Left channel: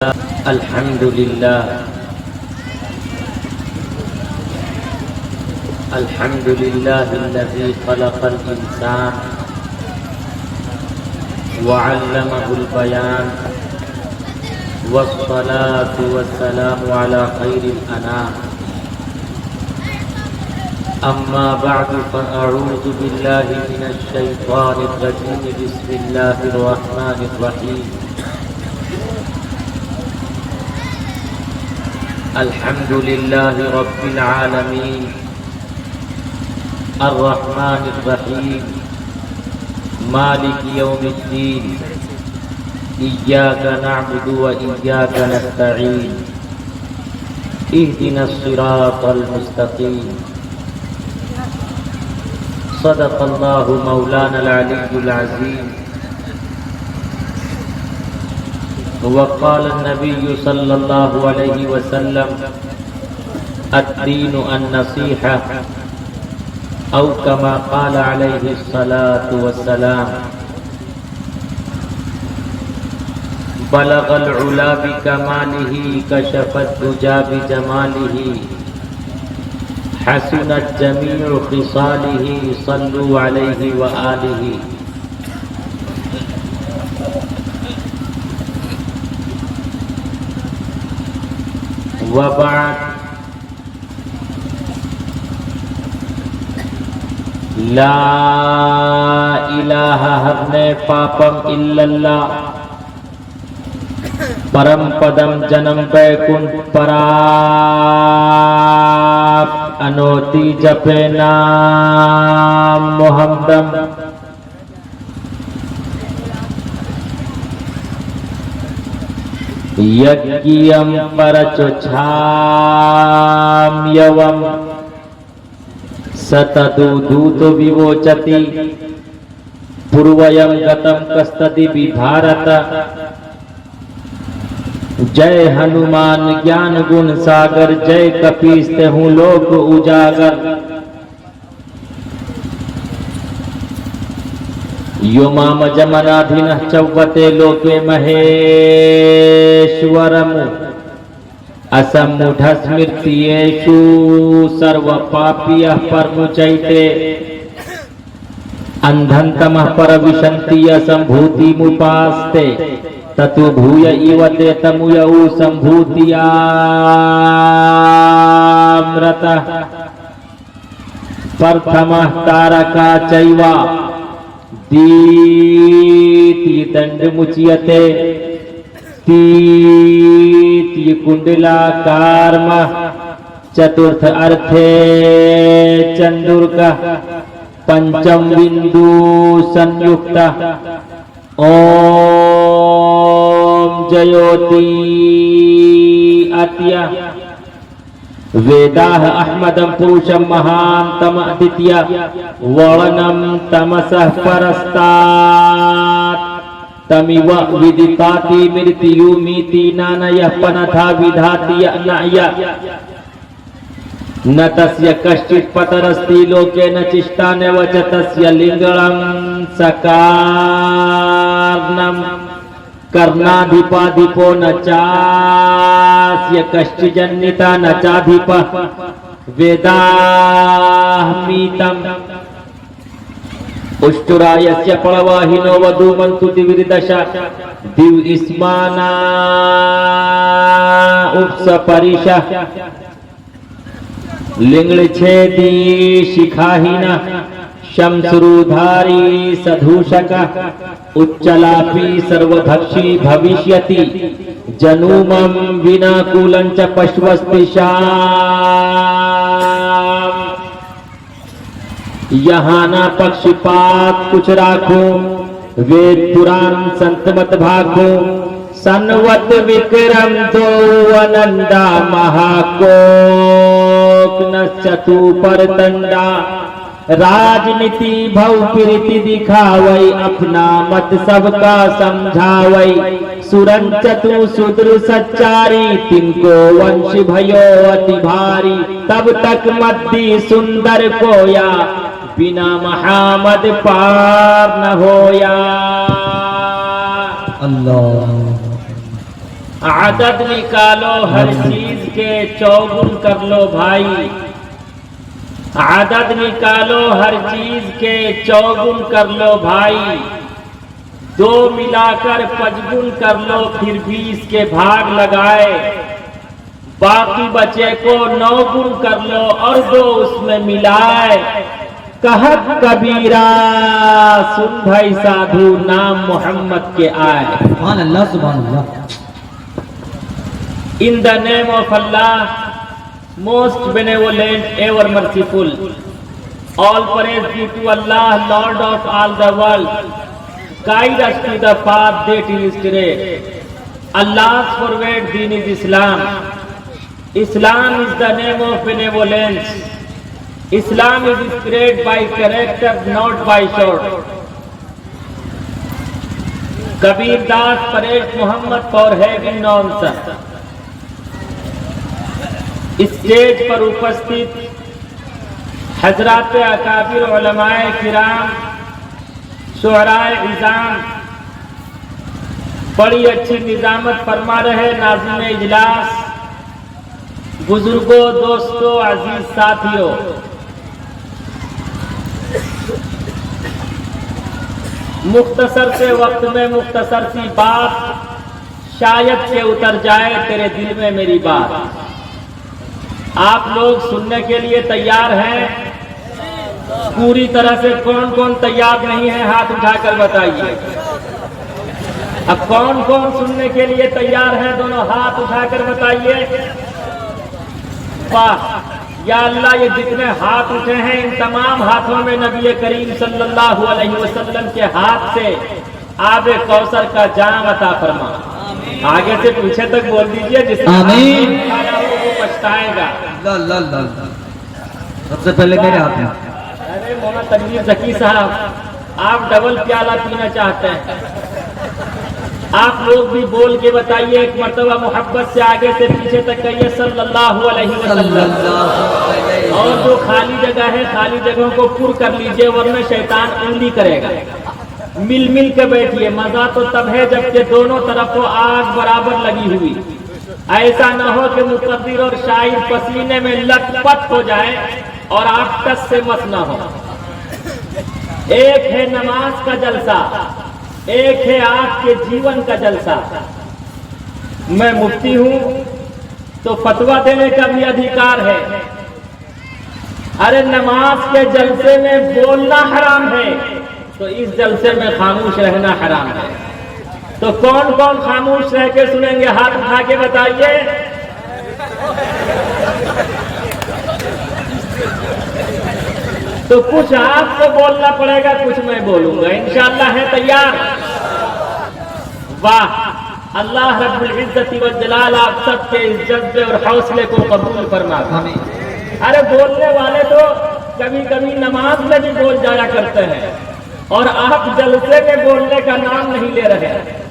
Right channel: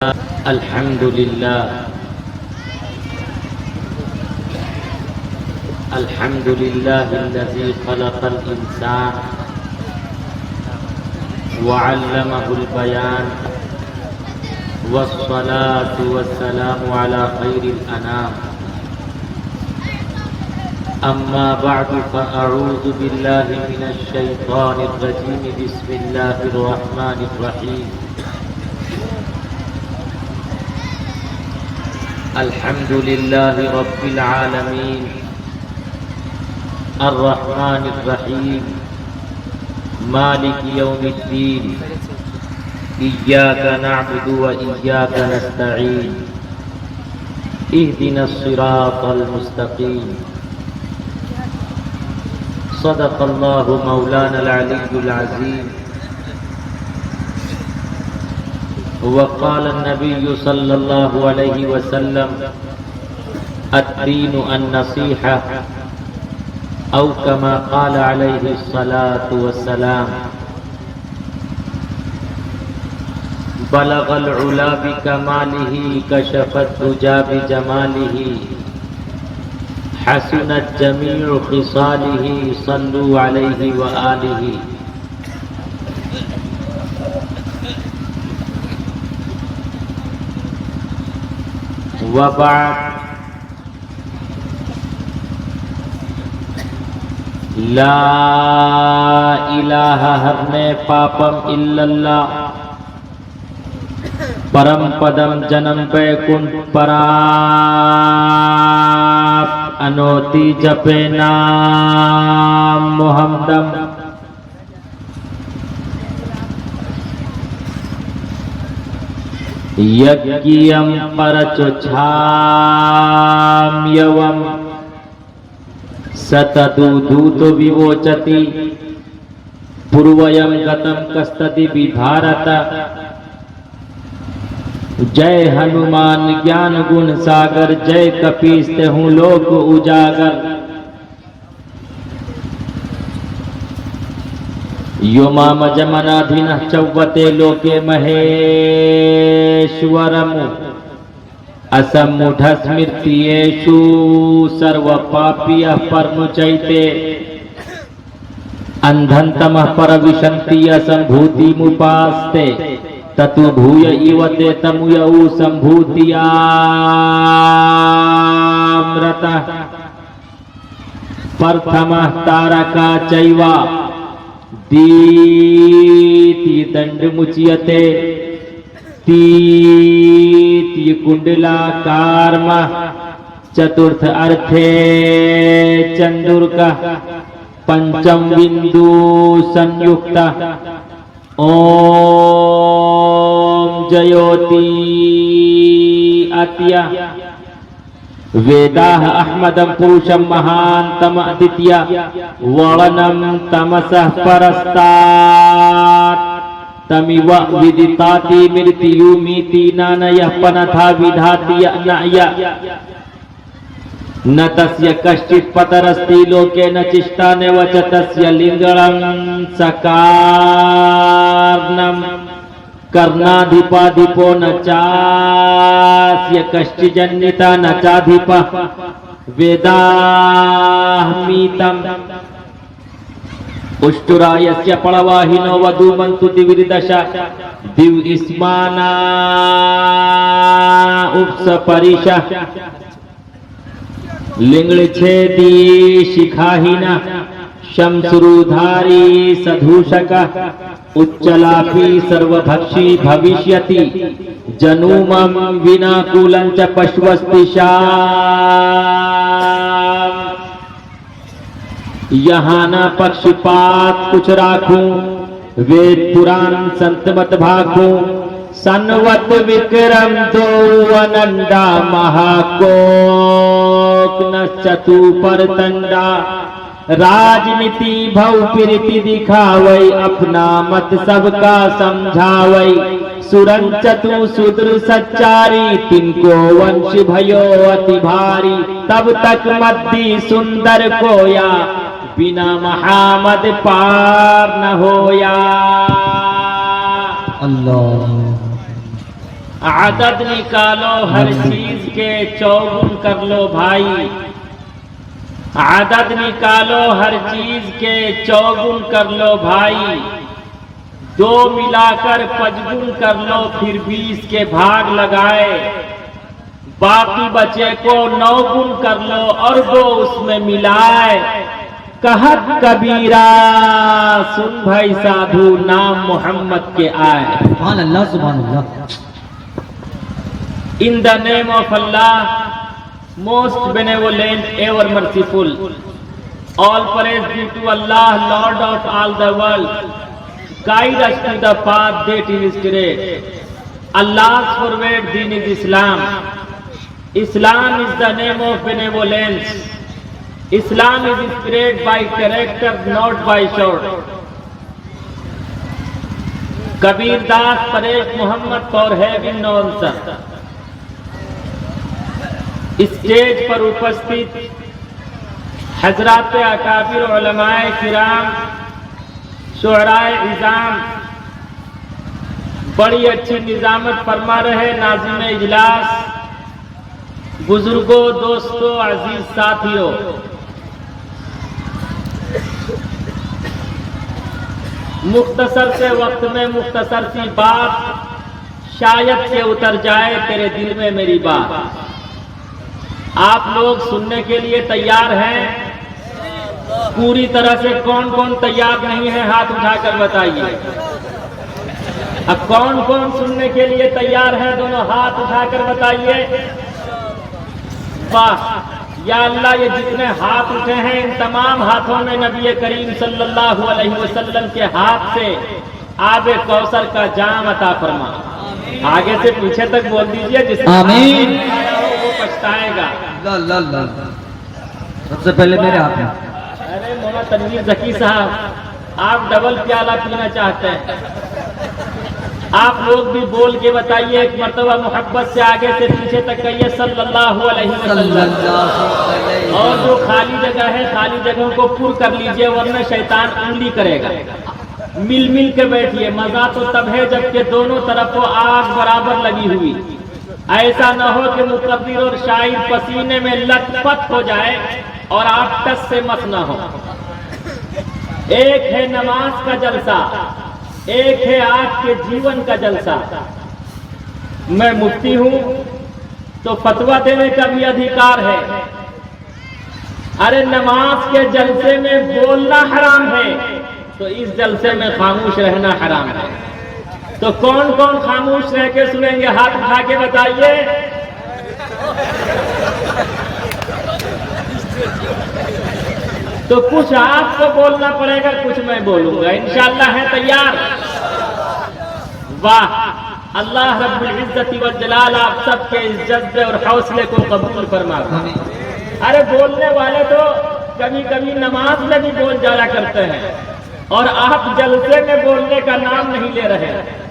अल्हम्दुलिल्लाहिल्लज़ी खलक़ल इंसान वअल्लमहुल बयान वस्सलातु वस्सलामु अला खैरिल अनाम अम्मा बअदु फ़अऊज़ु बिल्लाहि मिनश शैतानिर रजीम बिस्मिल्लाहिर रहमानिर रहीम अल्हम्दुलिल्लाहि रब्बिल आलमीन अर्रहमानिर रहीम मालिकि यौमिद्दीन इय्याका नअबुदु व इय्याका नस्तईन इहदिनस सिरातल मुस्तकीम सदक़ल्लाहु मौलानल अलियुल अज़ीम वक़ाल नबिय्यु सल्लल्लाहु अलैहि वसल्लम अद्दीनु अन्नसीहा औ कमा क़ाल अलैहि सलातु वस्सलाम बलगल उला बिकमालिही कशफत दुजा बिजमालिही हसनत जमीउ खिसालिही सल्लु अलैहि व आलिही। वबाद ला इलाहा हरने पापम इल्लल्लाह परम पदम जन्म बैकुंठ पराप अनोति जपे नाम मोहम्मदम यज्ञियम परचोछाम यवम सतदूतो विवोचति पूर्वयम गतम कस्तति विभारत। जय हनुमान ज्ञान गुण सागर जय कपीस हूँ लोक उजागर। यो माम जमनाधीन चौवते लोके महेश्वरम असम्मुढ़ स्मृतियेषु सर्व पापियः परमुचैते अंधन्तमः परविशन्ति असम्भूतिमुपास्ते ततु भूय इव ते तमुयौ सम्भूतियामृतः प्रथमः तारका चैव द्वितीय दण्डमुच्यते तृतीय कुंडलाकारम चतुर्थ अर्थे चंदुर्का पंचम बिंदु संयुक्त ओम जयोति अत्य वेदाः अहमदं पुरुषं महान्तम अदित्य वर्णं तमसः परस्तात् तमिव विदिताति मृत्युमिति नानयः पनथा विधाति नाय न तस्य कश्चित् पतरस्ति लोके न चिष्टानेव च तस्य लिंगं सकार्णं कर्णाधिपाधिपो न चास्य कश्चिज्जनिता न चाधिपः वेदाहमीतम् उष्टुरायस्य पळवाहिनो वधूमन्तु दिविर्दश दिव्यस्माना उपसपरिशः लिंगच्छेदी शिखाहिना शंसुरुधारी सधूषक उच्चलापी सर्वभक्षी भविष्यति जनुमं विनाकुलं च पश्वस्तिशाम्। यहाँ न पक्षपात कुछ राखो वेद पुराण संत मत भागो सन्वत विक्रम दो अनंदा महाकोक न चतु परतंडा राजनीति भव प्रीति दिखावई अपना मत सबका समझावई सुरन चतु शूद्र सच्चारी तिनको वंश भयो अति भारी तब तक मद्दी सुंदर कोया बिना महामद पार न होया। अल्लाह आदत निकालो हर चीज के चौगुन कर लो भाई, आदत निकालो हर चीज के चौगुन कर लो भाई, 2 मिलाकर 5 गुण कर लो फिर 20 के भाग लगाए, बाकी बचे को 9 गुण कर लो और 2 उसमें मिलाए, कहत कबीरा सुन भाई साधु नाम मोहम्मद के आए। सुभान अल्लाह सुभान अल्लाह। In the name of Allah, most benevolent, ever merciful, all praise be to Allah, Lord of all the world. Guide us to the path that is straight. Allah's forward deen is Islam. Islam is the name of benevolence. Islam is spread by character, not by short. Kabir Das praised Muhammad for having known such. Stage पर उपस्थित हजरात अकाबिर उलमाए किराम, शुअराए इज़ाम, बड़ी अच्छी निजामत फरमा रहे नाज़िम इजलास, बुजुर्गों, दोस्तों, अजीज साथियों, मुख्तसर से वक्त में मुख्तसर सी बात, शायद से उतर जाए तेरे दिल में मेरी बात। आप लोग सुनने के लिए तैयार हैं? पूरी तरह से कौन कौन तैयार नहीं है हाथ उठाकर बताइए। अब कौन कौन सुनने के लिए तैयार है दोनों हाथ उठाकर बताइए। वाह या अल्लाह, ये जितने हाथ उठे हैं इन तमाम हाथों में नबी करीम सल्लल्लाहु अलैहि वसल्लम के हाथ से आबे कौसर का जाम अता फरमा। आगे से पीछे तक बोल दीजिए, जिसने आमीन वो पछताएगा। सबसे पहले मेरे हाथ में। अरे मोना तनवीर जकी साहब, आप डबल प्याला पीना चाहते हैं, आप लोग भी बोल के बताइए एक मर्तबा, मोहब्बत से आगे से पीछे तक कहिए सल्लल्लाहु अलैहि वसल्लम। और जो खाली जगह है खाली जगहों को पुर कर लीजिए, वरना शैतान उंगली करेगा। मिल मिल के बैठिए, मजा तो तब है जबकि दोनों तरफों आग बराबर लगी हुई। ऐसा न हो कि मुकद्दिर और शायर पसीने में लथपथ हो जाए और आप टस से मस न हो। एक है नमाज का जलसा, एक है आपके जीवन का जलसा। मैं मुफ्ती हूं तो फतवा देने का भी अधिकार है। अरे नमाज के जलसे में बोलना हराम है तो इस जलसे में खामोश रहना हराम है। तो कौन कौन खामोश रह के सुनेंगे? हाथ उठा के बताइए। तो कुछ आपको बोलना पड़ेगा, कुछ मैं बोलूंगा, इंशाअल्लाह। है तैयार? वाह, अल्लाह रब्बुल इज्जति व जलाल आप सबके इस जज्बे और हौसले को कबूल फरमाए। अरे बोलने वाले तो कभी कभी नमाज में भी बोल जाया करते हैं और आप जलसे में बोलने का नाम नहीं ले रहे हैं।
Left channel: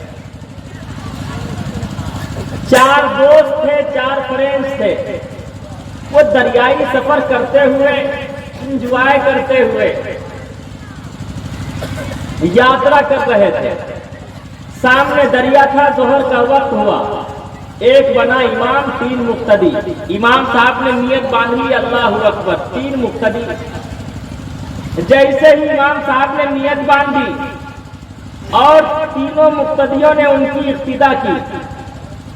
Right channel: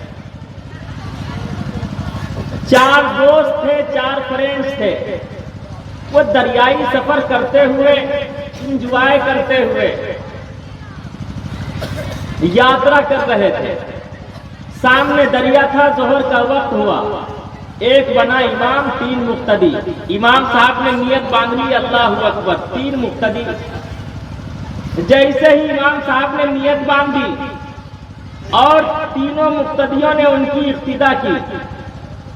4 दोस्त थे, 4 फ्रेंड्स थे, वो दरियाई सफर करते हुए, इंजॉय करते हुए यात्रा कर रहे थे। सामने दरिया था, जोहर का वक्त हुआ। एक बना इमाम, 3 मुक्तदी। इमाम साहब ने नियत बांध ली, अल्लाहु अकबर, 3 मुक्तदी। जैसे ही इमाम साहब ने नियत बांधी और तीनों मुक्तदियों ने उनकी इक्तिदा की,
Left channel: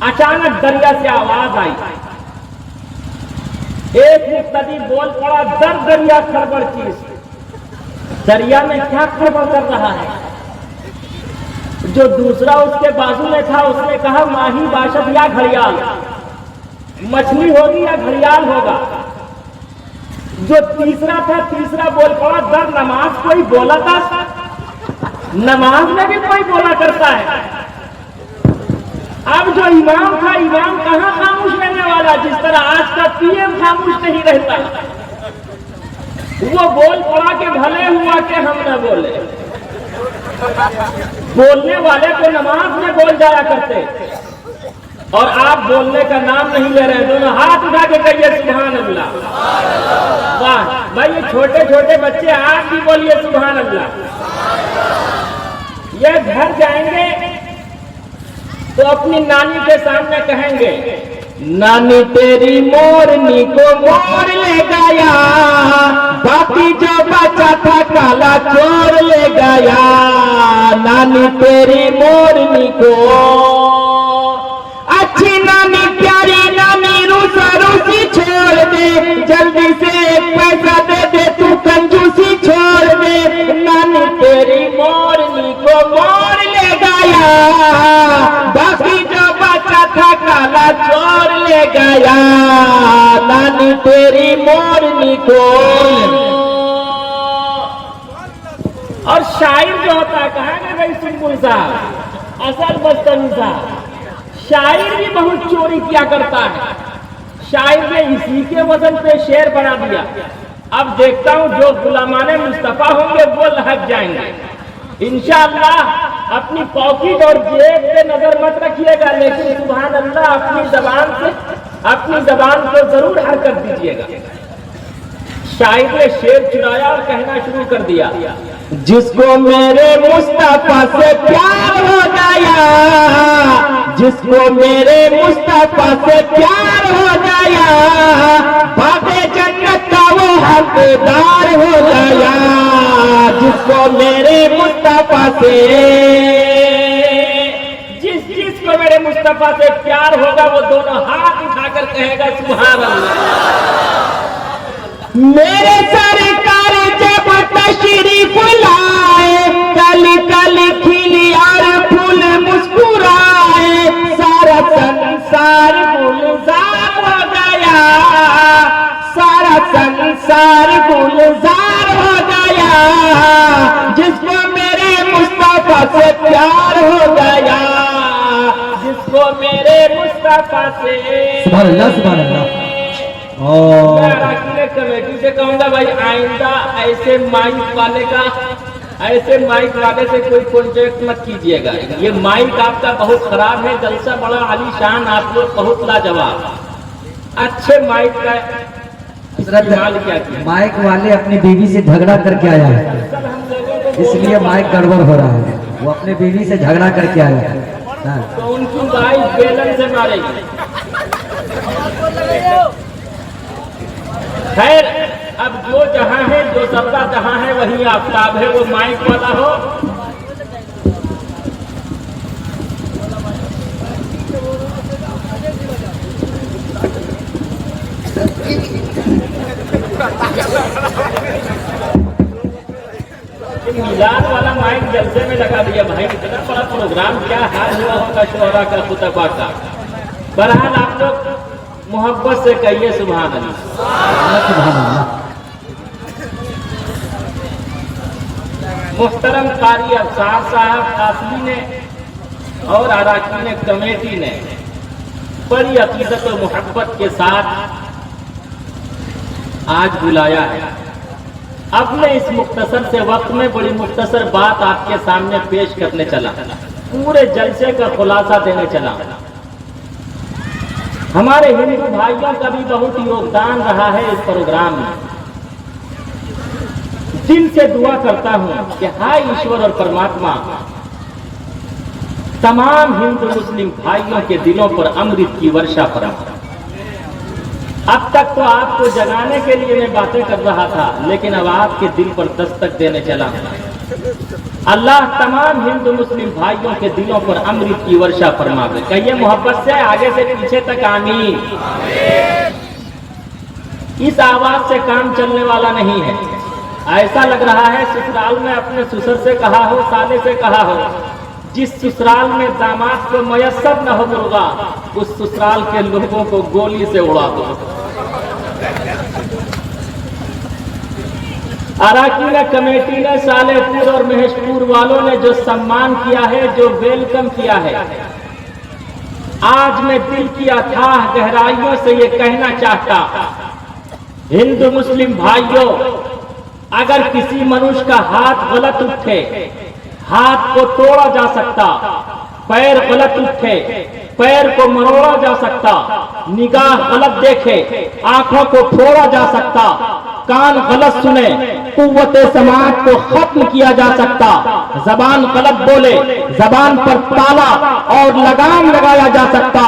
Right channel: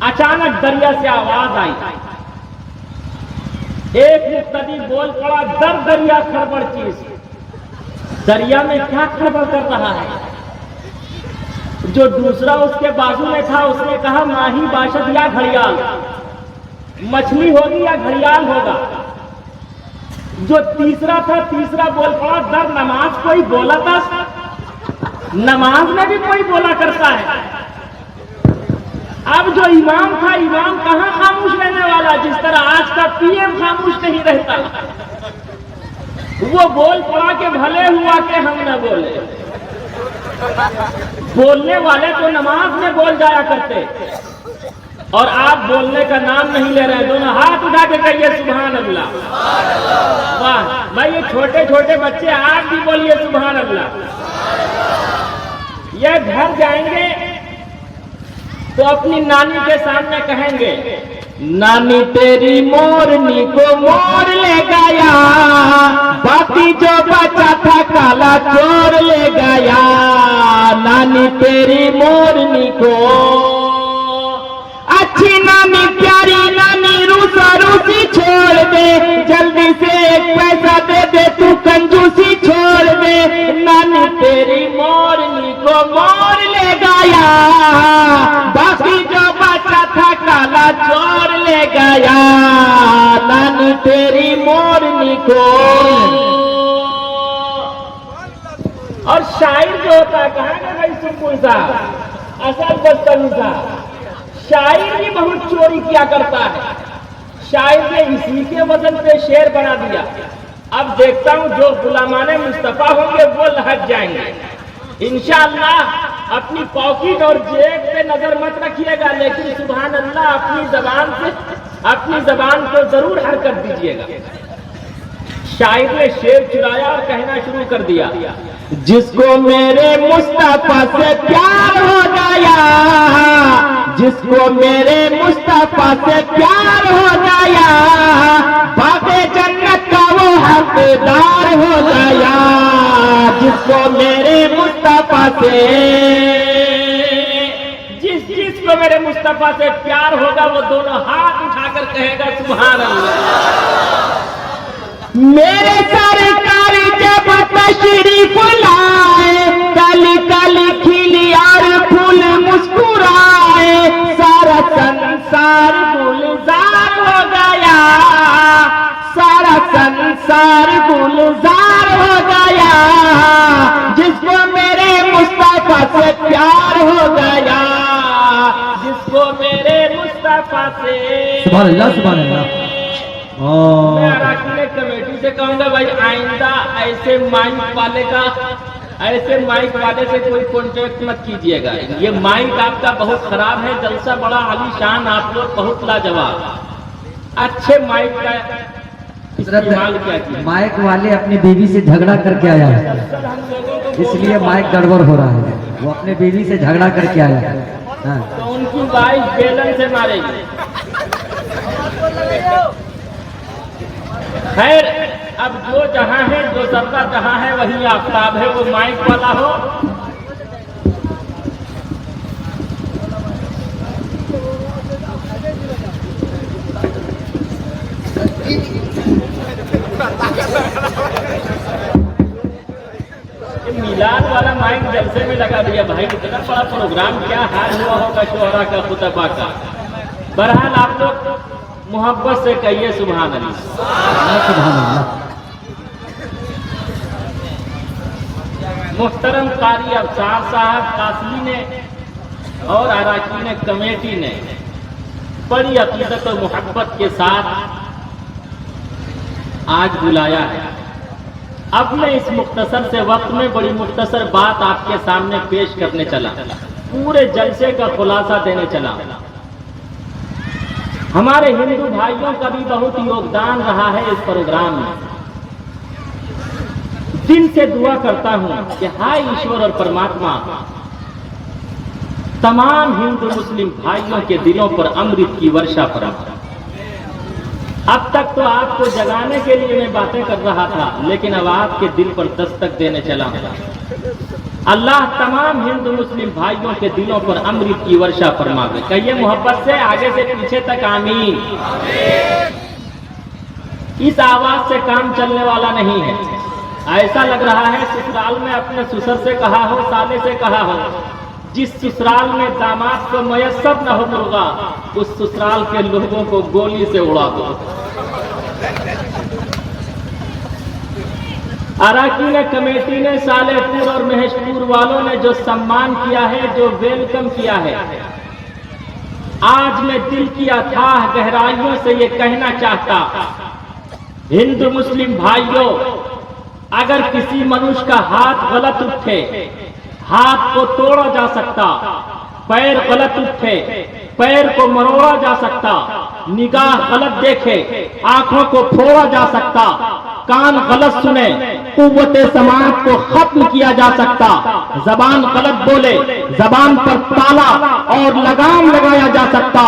अचानक दरिया से आवाज आई। एक मुक्तदी बोल पड़ा, दर दरिया खड़बड़ चीज। दरिया में क्या खड़बड़ कर रहा है? जो दूसरा उसके बाजू में था उसने कहा, माही बाशद या घड़ियाल, मछली होगी या घड़ियाल होगा। जो तीसरा था, तीसरा बोल पड़ा, दर नमाज कोई बोला था? नमाज में भी कोई बोला करता है। अब जो इमाम था, इमाम कहां खामोश रहने वाला? जिस तरह आज का पीएम खामोश नहीं रहता। वो बोल पड़ा कि भले हुआ कि हम न बोले। बोलने वाले को नमाज में बोल जाया करते और आप बोलने का नाम नहीं ले रहे। दोनों हाथ उठा के कहिए सुभान अल्लाह। वाह भाई, ये छोटे छोटे बच्चे आप भी बोलिए सुभान अल्लाह। ये घर जाएंगे तो अपनी नानी के सामने कहेंगे, नानी तेरी मोरनी को मोर ले गया, बाकी जो बचा था काला चोर ले गया। नानी तेरी मोरनी को, अच्छी नानी प्यारी नानी रूसा रूसी छोड़ दे, जल्दी से एक पैसा दे दे तू कंजूसी छोड़ दे। नानी तेरी मोरनी को मोर ले गया, बाकी जो बचा था काला चोर ले गया। नानी तेरी मोरनी को। और शायर जो होता है, कहा ना भाई सिंपुल सा असल बदतमीज सा, शायर भी बहुत चोरी किया करता है। शायर ने इसी के वजन पे शेर बना दिया। अब देखता हूं जो गुलामाने मुस्तफा होंगे वो लहक जाएंगे इंशाअल्लाह। अपनी पॉकेट और जेब पे नजर मत रखिएगा, लेकिन सुभान अल्लाह अपनी जबान को जरूर हरकत दीजिएगा। शायर ने शेर चुराया और कहना शुरू कर दिया, जिसको मेरे मुस्तफा से प्यार हो गया, जिसको मेरे मुस्तफा से प्यार हो गया, बाबे जन्नत का वो हकदार हो गया। जिसको मेरे मुस्तफा से, जिसको मेरे मुस्तफा से प्यार होगा वो दोनों हाथ उठाकर कहेगा सुभान अल्लाह। मेरे सरकार जब तशरीफ लाए, कली कली खिली और फूल मुस्कुराए, सारा संसार गुलजार हो गया, सारा संसार गुलजार हो गया। जिसको मेरे मुस्तफा से प्यार हो गया, जिसको मेरे मुस्तफा से। सुभान अल्लाह, सुभान अल्लाह। मैं कमेटी से कहूंगा भाई आइंदा ऐसे माइक वाले से कोई कॉन्ट्रैक्ट मत कीजिएगा। ये माइक आपका बहुत खराब है, जलसा बड़ा आलीशान, आप लोग बहुत लाजवाब। अच्छे माइक का इस्तेमाल क्या किया। माइक वाले अपनी बीवी से झगड़ा करके आया है, इसलिए माइक गड़बड़ हो रहा है। वो अपने बीवी से झगड़ा करके आया है। हाँ। तो उनकी वाइफ बेलन से मारेगी। खैर, अब जो जहां है, जो जर्रा जहां है वही आफताब है। वो माइक वाला हो, मिलाद वाला माइक जलसे में लगा दिया भाई। इतना बड़ा प्रोग्राम, क्या हाल हुआ होगा शोहरा का, खुतबा का। बहरहाल आप लोग मोहब्बत से कहिए सुभान अल्लाह, सुभान अल्लाह। मुहतरम कारी अफसार साहब कासमी ने और अराकीन कमेटी ने बड़ी अकीदत और मोहब्बत के साथ आज बुलाया है। अब मैं इस मुख्तसर से वक्त में बड़ी मुख्तसर बात आपके सामने पेश करने चला, पूरे जलसे का खुलासा देने चला। हमारे हिंदू भाइयों का भी बहुत योगदान रहा है इस प्रोग्राम में। दिल से दुआ करता हूं कि हाय ईश्वर और परमात्मा तमाम हिंदू मुस्लिम भाइयों के दिलों पर अमृत की वर्षा फरमा। अब तक तो आपको जगाने के लिए मैं बातें कर रहा था, लेकिन अब आपके दिल पर दस्तक देने चला। अल्लाह तमाम हिंदू मुस्लिम भाइयों के दिलों पर अमृत की वर्षा फरमावे। कहिए मोहब्बत से, आगे से पीछे तक आमीन। इस आवाज से काम चलने वाला नहीं है। ऐसा लग रहा है ससुराल में अपने ससुर से कहा हो, साले से कहा हो, जिस ससुराल में दामाद को मयस्सर न हो मुर्गा, उस ससुराल के लोगों को गोली से उड़ा दो। अराकीन कमेटी ने, सालेपुर और महेशपुर वालों ने जो सम्मान किया है, जो वेलकम किया है, आज मैं दिल की अथाह गहराइयों से ये कहना चाहता, हिंदू मुस्लिम भाइयों, अगर किसी मनुष्य का हाथ गलत उठे, हाथ को तोड़ा जा सकता, पैर गलत उठे, पैर को मरोड़ा जा सकता, निगाह गलत देखे, आंखों को फोड़ा जा सकता, कान गलत सुने, कुव्वते समात को खत्म किया जा सकता। जबान गलत बोले, जबान पर ताला और लगाम लगाया जा सकता,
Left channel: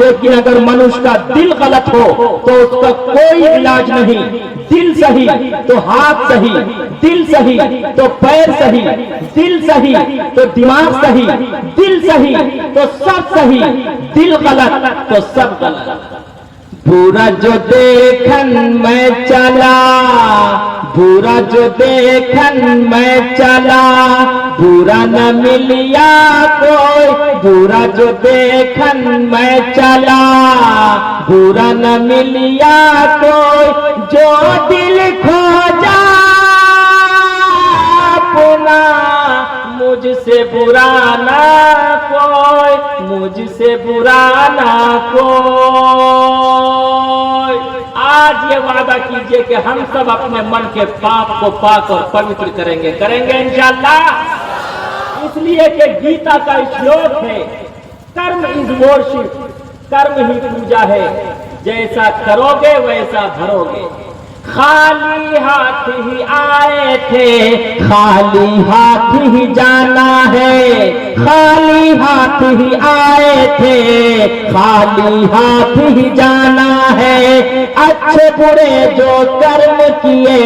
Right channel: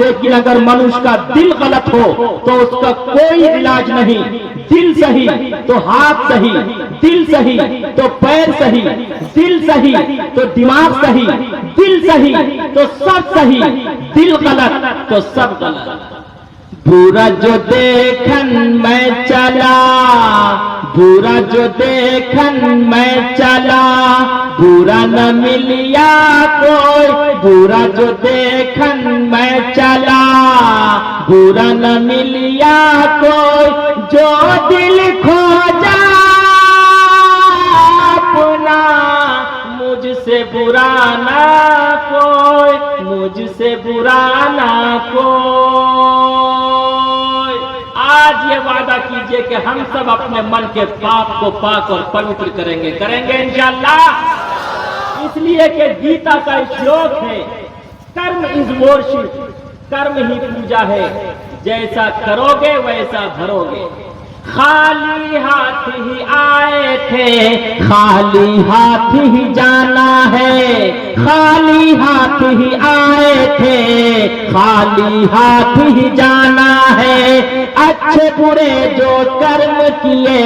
लेकिन अगर मनुष्य का दिल गलत हो तो उसका कोई इलाज नहीं। दिल सही तो हाथ सही, दिल सही तो पैर सही, दिल सही तो दिमाग सही, दिल सही तो सब सही, दिल गलत तो सब गलत। बुरा जो देखन मैं चला, बुरा जो देखन मैं चला, बुरा न मिलिया कोई, बुरा जो देखन मैं चला, बुरा न मिलिया कोई, जो दिल खोजा अपना, मुझसे बुरा ना कोई, मुझसे बुरा ना कोई। आज ये वादा कीजिए कि हम सब अपने मन के पाप को पाक और पवित्र करेंगे, करेंगे इंशाअल्लाह। इसलिए कि गीता का श्लोक है, कर्म इज वर्शिप, कर्म ही पूजा है, जैसा करोगे वैसा भरोगे। खाली हाथ ही आए थे, खाली हाथ ही जाना है, खाली हाथ ही आए थे, खाली हाथ ही जाना है। अच्छे बुरे जो कर्म किए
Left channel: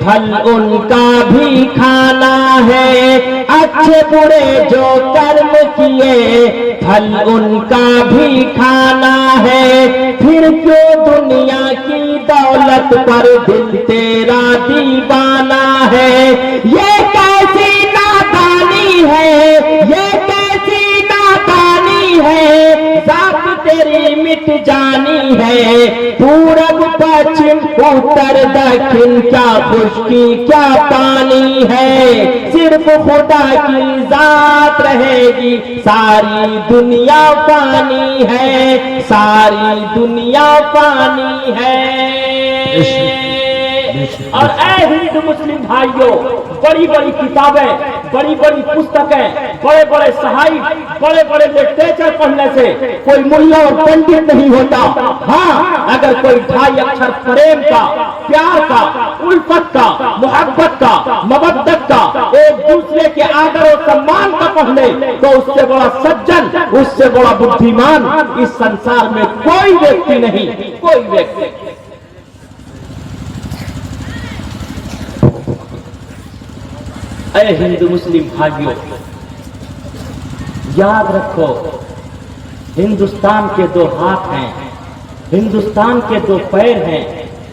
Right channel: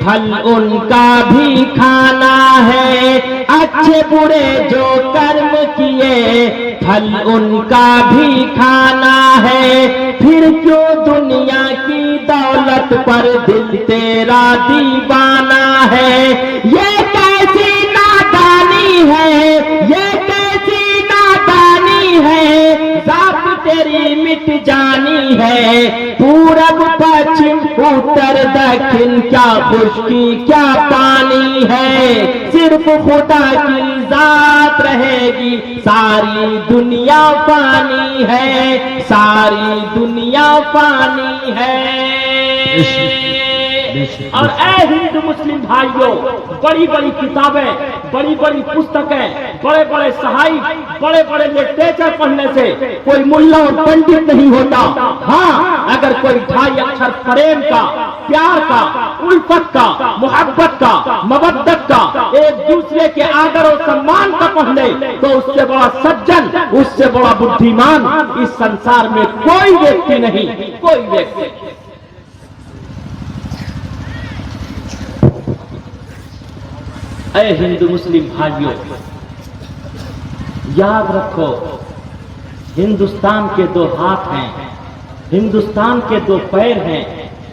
फल उनका भी खाना है, अच्छे बुरे जो कर्म किए फल उनका भी खाना है। फिर क्यों दुनिया की दौलत पर दिल तेरा दीवाना है। ये कैसी नादानी है, ये कैसी नादानी है, जात तेरी मिट जानी है। पूरब पश्चिम उत्तर दक्षिण क्या खुशकी क्या पानी है, सिर्फ खुदा की जात रहेगी, सारी दुनिया पानी है, सारी दुनिया पानी है। और ऐ हिंदू मुस्लिम भाइयों, बड़ी बड़ी किताबें, बड़ी बड़ी पुस्तकें, बड़े बड़े साहिब, बड़े बड़े लिटरेचर पढ़ने से कोई मुल्ला और पंडित नहीं होता। हाँ, अगर कोई ढाई अक्षर प्रेम का, प्यार का, उल्फत का, मोहब्बत का, मवद्दत का, एक दूसरे के आदर और सम्मान का पढ़ ले तो उससे बड़ा सज्जन, उससे बड़ा बुद्धिमान इस संसार में कोई व्यक्ति नहीं, कोई व्यक्ति। ऐ हिंदू मुस्लिम भाइयों, याद रखो, हिंदुस्तान के दो हाथ हैं, हिंदुस्तान के दो पैर हैं,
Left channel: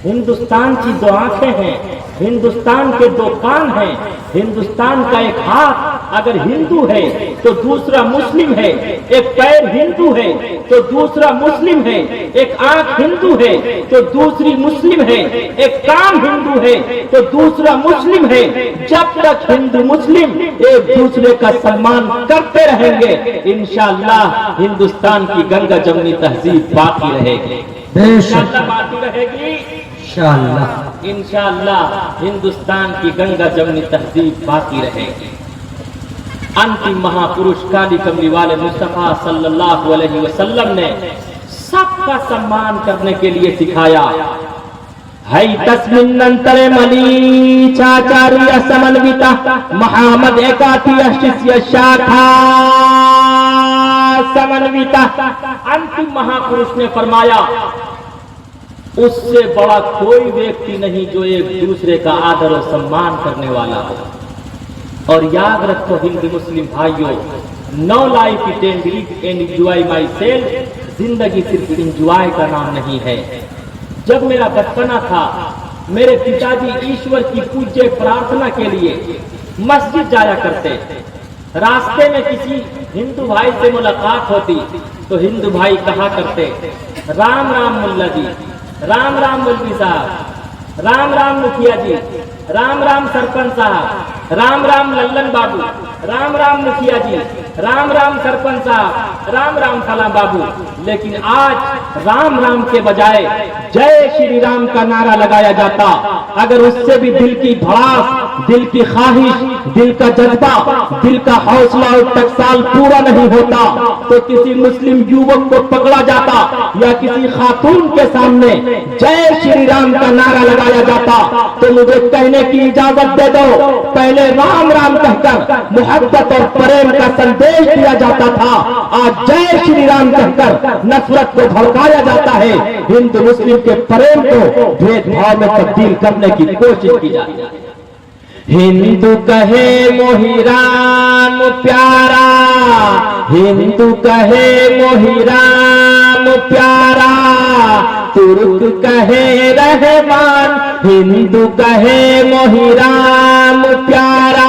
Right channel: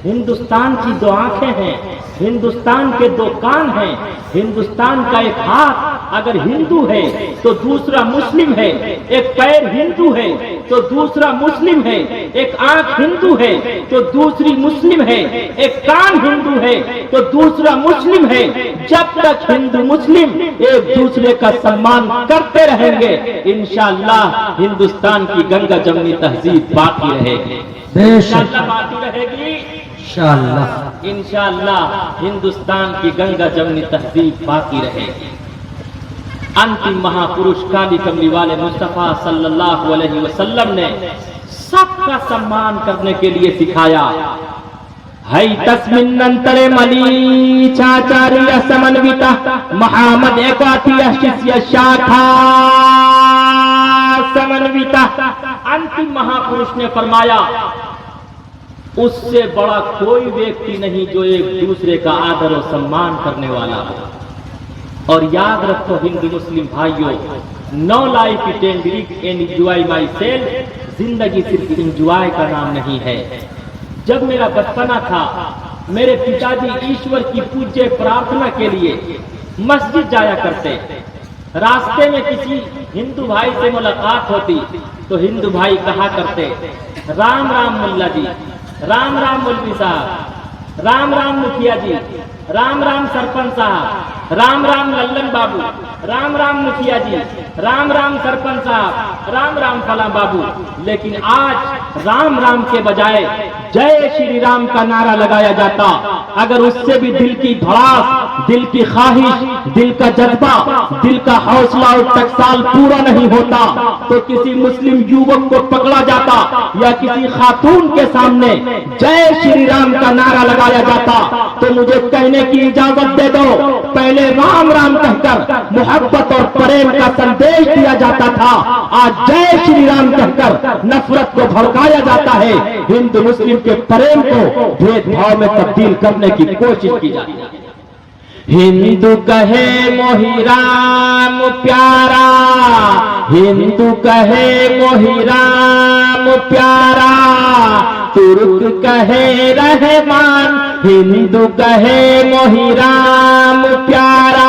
हिंदुस्तान की दो आंखें हैं, हिंदुस्तान के दो कान हैं, हिंदुस्तान का एक हाथ अगर हिंदू है तो दूसरा मुस्लिम है, एक पैर हिंदू है तो दूसरा मुस्लिम है, एक आंख हिंदू है तो दूसरी मुस्लिम है, एक कान हिंदू है तो दूसरा मुस्लिम है। जब तक हिंदू मुस्लिम एक दूसरे का सम्मान करते रहेंगे, इंशाअल्लाह हिंदुस्तान की गंगा जमनी तहजीब बाकी रहेगी, इंशाअल्लाह बाकी रहेगी, इंशाअल्लाह, इंशाअल्लाह हिंदुस्तान की गंगा जमनी तहजीब बाकी रहेगी। अंतिम महापुरुष काली कमली वाले मुस्तफा सल्लल्लाहु अलैहि वसल्लम ने सबका सम्मान करने के लिए सिखाया। है तस्मिन्नंतरे मली चाचार्य समन्विता मोहम्मद एकातिय शिष्य शाखा समन्विता। अंतिम महापुरुष ने फरमाया, उससे बड़ा कोई व्यक्ति नहीं जो एक दूसरे का आदर और सम्मान करने वाला हो। और याद रखो हिंदू मुस्लिम भाइयों, no life it and enjoy myself, जिंदगी सिर्फ एंजॉय का नाम नहीं है। जब मेरा बचपना था, मेरे पिताजी ईश्वर की पूज्य प्रार्थना के लिए मस्जिद जाया करते। रास्ते में किसी हिंदू भाई से मुलाकात होती तो हिंदू भाई कहा करते, राम राम मुल्ला जी, राम राम मुल्की साहब, राम राम मुखिया जी, राम राम सरपंच साहब, राम राम लल्लन बाबू, राम राम मुखिया जी, राम राम सरपंच साहब, राम राम फला बाबू। लेकिन आज राम राम के बजाय जय श्री राम का नारा लगाया जाता। अगर उससे भी दिल की भड़ास दिल की ख्वाहिश, दिल का जज्बा, दिल का हौसला और टकसाल पूरा नहीं होता तो किसी मुस्लिम युवक को पकड़ा जाता या किसी खातून के सामने जय श्री राम का नारा लगाया जाता तो मुझे कहने की इजाजत दे दो, पहले राम राम कहकर मोहब्बत और प्रेम का संदेश दिया जाता था, आज जय श्री राम कहकर नफरत को भड़काया जाता है। हिंदू मुस्लिम के प्रेम को भेदभाव में तब्दील करने की कोशिश की जाती है। हिंदू कहे मोहि राम प्यारा, हिंदू कहे मोहि राम प्यारा, तुर्क कहे रहमान, हिंदू कहे मोहि राम प्यारा,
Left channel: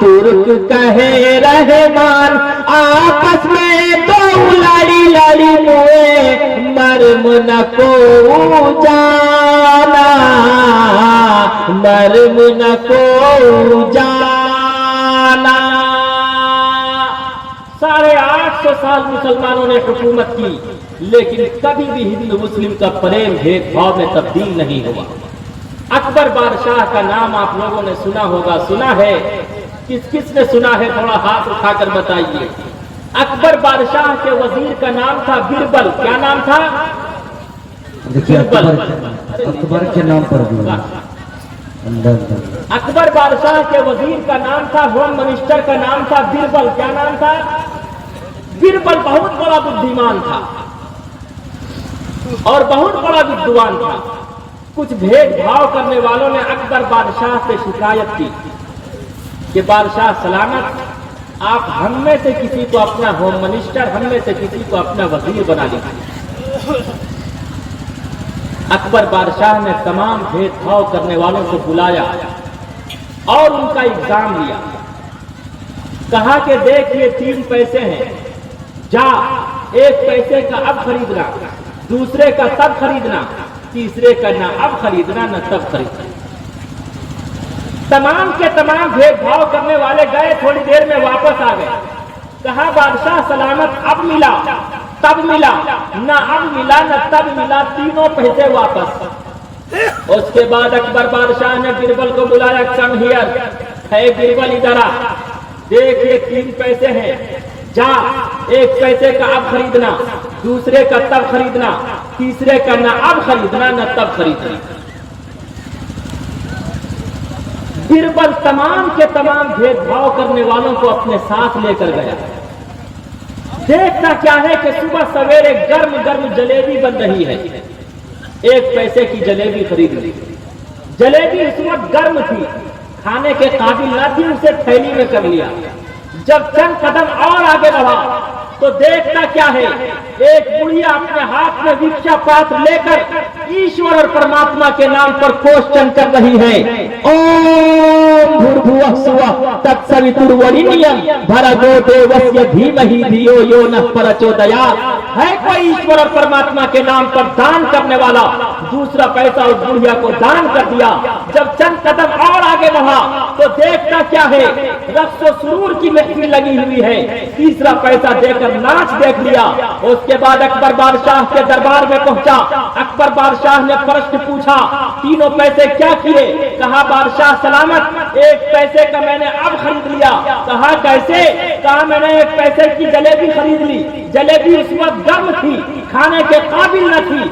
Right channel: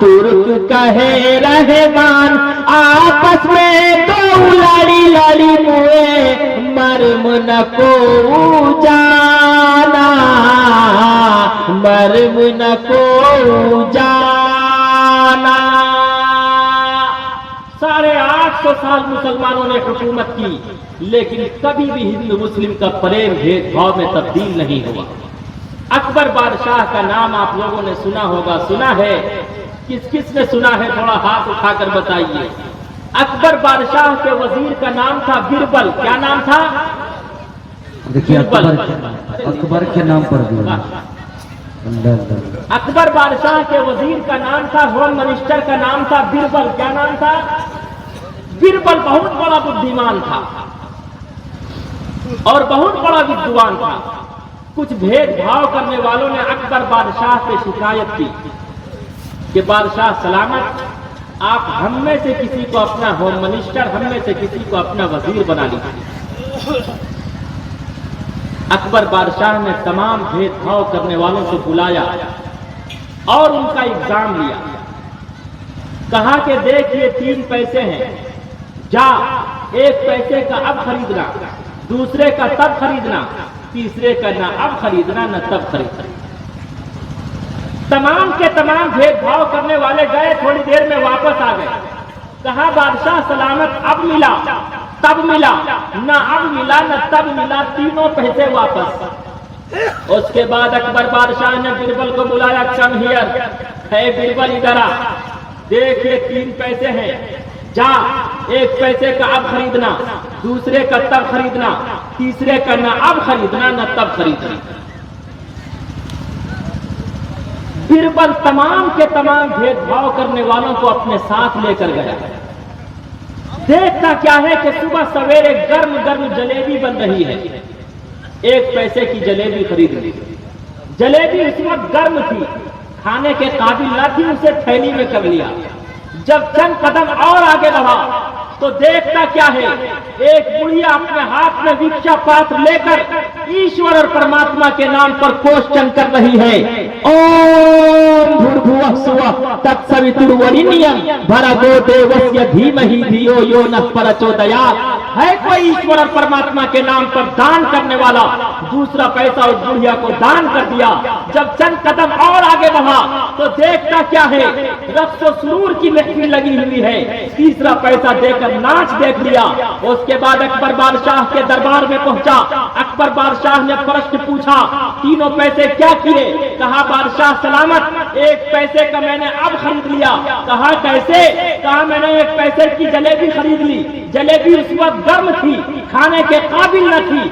तुर्क कहे रहमान, आपस में दो लड़ी लड़ी मुए मर्म न को जाना, मर्म न को जाना। 850 साल मुसलमानों ने हुकूमत की, लेकिन कभी भी हिंदू मुस्लिम का प्रेम भेदभाव में तब्दील नहीं हुआ। अकबर बादशाह का नाम आप लोगों ने सुना होगा, सुना है? किस किस ने सुना है? थोड़ा हाथ उठाकर बताइए। अकबर बादशाह के वजीर का नाम था बिरबल। क्या नाम था? देखिए अकबर के नाम पर भी अकबर बादशाह के वजीर का नाम था, होम मिनिस्टर का नाम था बिरबल। क्या नाम था? बिरबल बहुत बड़ा बुद्धिमान था और बहुत बड़ा विद्वान था। कुछ भेदभाव करने वालों ने अकबर बादशाह से शिकायत की कि बादशाह सलामत, आप हम में से किसी को अपना होम मिनिस्टर, हम में से किसी को अपना वजीर बना लीजिए। अकबर बादशाह ने तमाम भेदभाव करने वालों को बुलाया और उनका एग्जाम लिया। कहा कि देख ये 3 पैसे हैं, जा 1 पैसे का अब खरीदना, दूसरे का तब खरीदना, तीसरे का ना अब खरीदना न तब खरीदना। तमाम के तमाम भेदभाव करने वाले गए, थोड़ी देर में वापस आ गए। कहा बादशाह सलामत, अब मिला तब मिला, न अब मिला न तब मिला, तीनों पैसे वापस। उसके बाद अकबर बादशाह ने बिरबल को बुलाया, कम हियर, है बिरबल इधर आ, देख ये 3 पैसे हैं, जा 1 पैसे का अब खरीदना, दूसरे का तब खरीदना, तीसरे का न अब खरीदना न तब खरीदना। बिरबल तमाम के तमाम भेदभाव करने वालों को अपने साथ लेकर गया। देखता क्या है कि सुबह सवेरे गर्म गर्म जलेबी बन रही है। 1 पैसे की जलेबी खरीद ली। जलेबी इस वक्त गर्म थी, खाने के काबिल न थी, उसे थैली में कर लिया। जब चंद कदम और आगे बढ़ा तो देखता क्या है, एक बुढ़िया अपने हाथ में भिक्षा पात्र लेकर ईश्वर और परमात्मा के नाम पर क्वेश्चन कर रही है। ओम भूर्भुवः स्वः तत्सवितुर्वरेण्यं भर्गो देवस्य धीमहि धियो यो नः प्रचोदयात्। है कोई ईश्वर और परमात्मा के नाम पर दान करने वाला? दूसरा पैसा उस बुढ़िया को दान कर दिया। जब चंद कदम और आगे बढ़ा तो देखता क्या है, रक्स व सुरूर की महफिल लगी हुई है। तीसरा पैसा देकर नाच देख लिया। उसके बाद अकबर बादशाह के दरबार में पहुंचा। अकबर बादशाह ने प्रश्न पूछा, 3 पैसे क्या किए? कहा बादशाह सलामत, 1 पैसे का मैंने अब खरीद लिया। कहा कैसे? कहा मैंने 1 पैसे की जलेबी खरीद ली। जलेबी उस वक्त गर्म थी, खाने के काबिल न थी,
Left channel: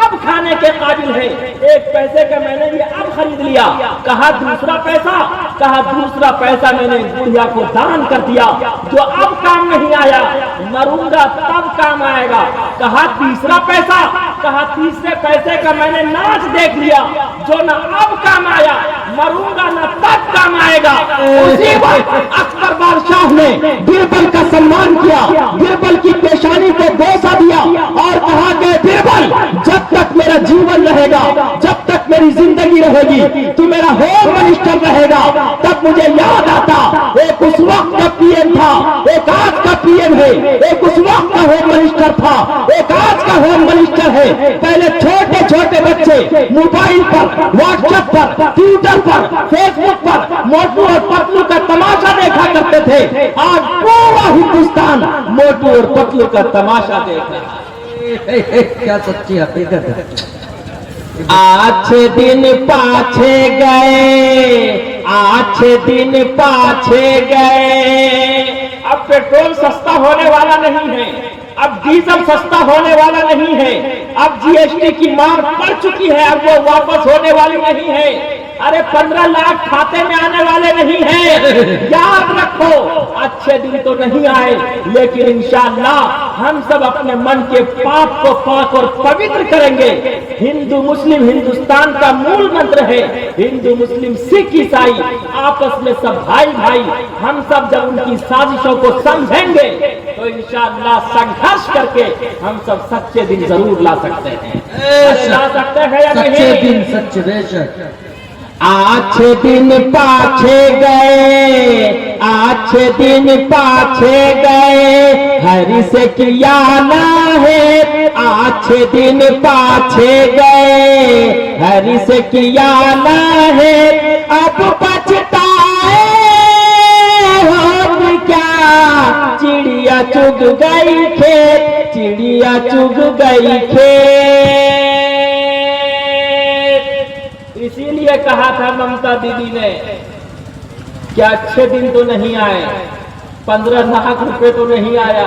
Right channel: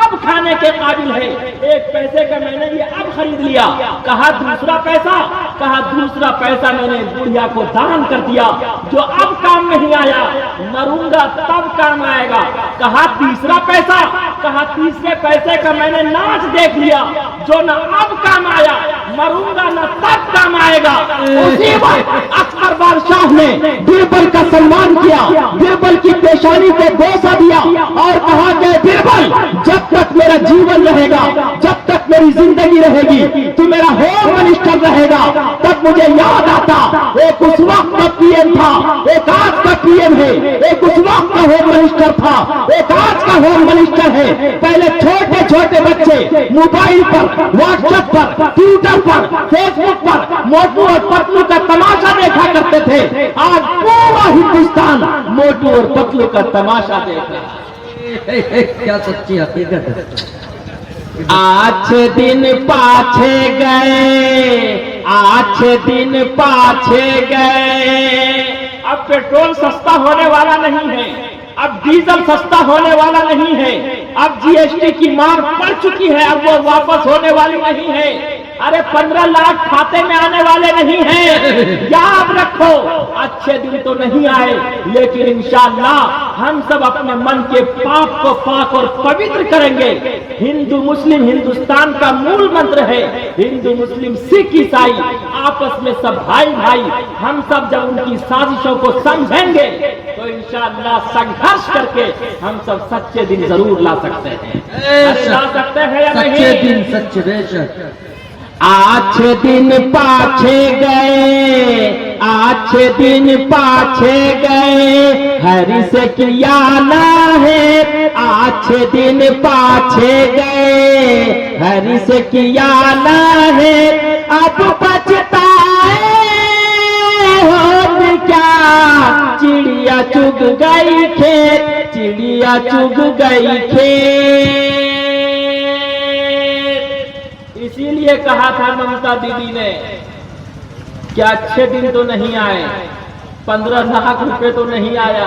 अब खाने के काबिल है। 1 पैसे का मैंने ये अब खरीद लिया। कहा दूसरा पैसा? कहा दूसरा पैसा मैंने बुढ़िया को दान कर दिया, जो अब काम नहीं आया, मरूंगा तब काम आएगा। कहा तीसरा पैसा? कहा तीसरे पैसे का मैंने नाच देख लिया, जो न अब काम आया, मरूंगा न तब काम आएगा। उसी वक्त अकबर बादशाह ने बिरबल का सम्मान किया, बिरबल की पेशानी को बोसा दिया और कहा कि बिरबल, जब तक मेरा जीवन रहेगा, जब तक मेरी जिंदगी रहेगी, तू मेरा होम मिनिस्टर रहेगा। तब मुझे याद आता, एक उस वक्त का पीएम था, एक आज का पीएम है, एक उस वक्त का होम मिनिस्टर था, एक आज का होम मिनिस्टर है। पहले छोटे छोटे बच्चे मोबाइल पर, व्हाट्सएप पर, ट्विटर पर, फेसबुक पर मोटू और पतलू का तमाशा देखा करते थे। आज पूरा हिंदुस्तान मोटू और पतलू का तमाशा देख रहा है। क्या सच्ची हकीकत है। आछे दिन पाछे गए, अच्छे दिन पाछे गए। अब पेट्रोल सस्ता होने वाला नहीं है, अब डीजल सस्ता होने वाला नहीं है, अब जीएसटी की मार पड़ चुकी है, अब वो वापस होने वाली नहीं है। अरे 15 लाख खाते में आने वाले नहीं हैं। याद रखो, अच्छे दिन तो नहीं आए, लेकिन इंशाअल्लाह हम सब अपने मन के पाप को पाक और पवित्र करेंगे। हिंदू मुस्लिम हिंदुस्तान का मूल मंत्र है। हिंदू मुस्लिम सिख ईसाई आपस में सब भाई भाई। हम सब जब उनकी साजिशों को समझेंगे तो इंशाअल्लाह संघर्ष करके हम सब सच्चे दिन जरूर ला सकते हैं। ला सकते हैं या नहीं? सच्चे दिन, सच्चे बेशक। अच्छे दिन पाछे गए, अच्छे दिन पाछे गए, हरि से किया ना है। अच्छे दिन पाछे गए, हरि से किया ना है। अब पछताए हो क्या, चिड़िया चुग गई खेत, चिड़िया चुग गई खेत। इसीलिए कहा था ममता दीदी ने कि अच्छे दिन तो नहीं आए, 15 लाख रुपए तो नहीं आया,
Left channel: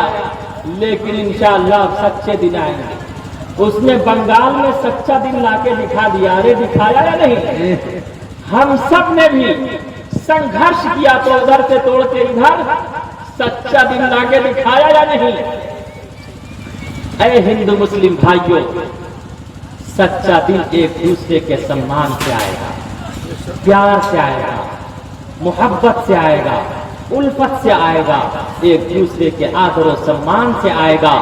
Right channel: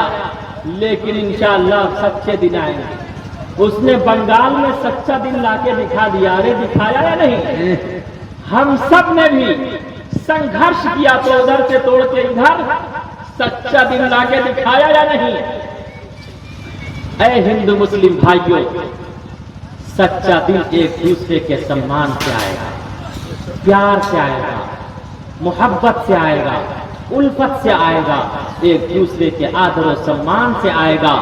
लेकिन इंशाअल्लाह सच्चे दिन आएंगे। उसने बंगाल में सच्चा दिन लाके दिखा दिया। अरे दिखाया या नहीं? हम सब ने भी संघर्ष किया तो उधर से तोड़ के इधर सच्चा दिन लाके दिखाया या नहीं? ऐ हिंदू मुस्लिम भाइयों, सच्चा दिन एक दूसरे के सम्मान से आएगा, प्यार से आएगा, मोहब्बत से आएगा, उल्फत से आएगा, एक दूसरे के आदर और सम्मान से आएगा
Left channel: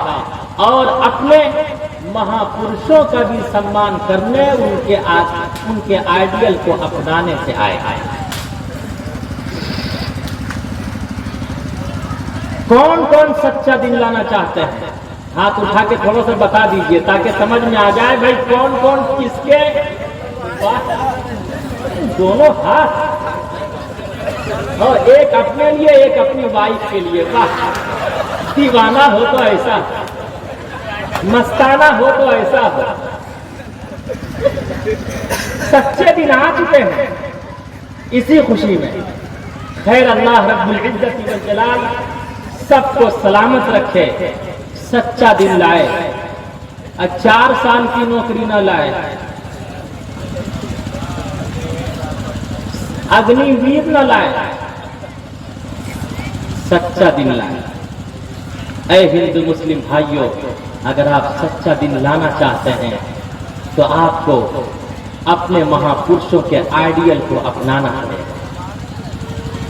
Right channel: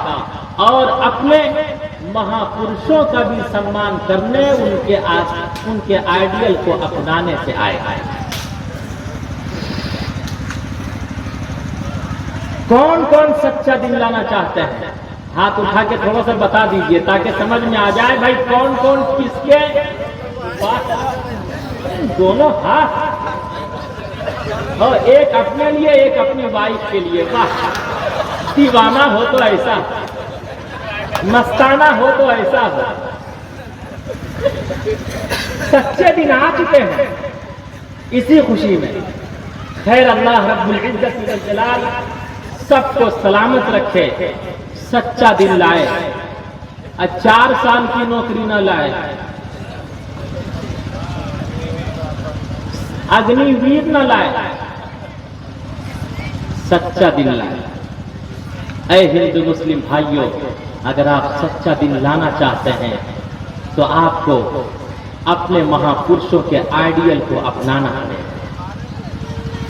और अपने महापुरुषों का भी सम्मान करने, उनके आइडियल को अपनाने से आएगा। कौन कौन सच्चा दिन लाना चाहते हैं? हाथ उठा के थोड़ा सा बता दीजिए ताकि समझ में आ जाए भाई कौन कौन किसके। दोनों हाथ, और एक अपने लिए एक अपनी वाइफ के लिए। वाह, दीवाना हो तो ऐसा, मस्ताना हो तो ऐसा हो। सच्चे दिन आ चुके हैं इसी खुशी में। खैर, अल्लाह रब्बुल इज्जत व जलाल सबको सलामत रखे, सच्चा दिन लाए, 4 साल की नौकरी न लाए, अग्निवीर न लाए, सच्चा दिन लाए। ऐ हिंदू मुस्लिम भाइयों, अगर आप सच्चा दिन लाना चाहते हैं तो आपको अपने महापुरुषों के आइडियल को अपनाना पड़ेगा।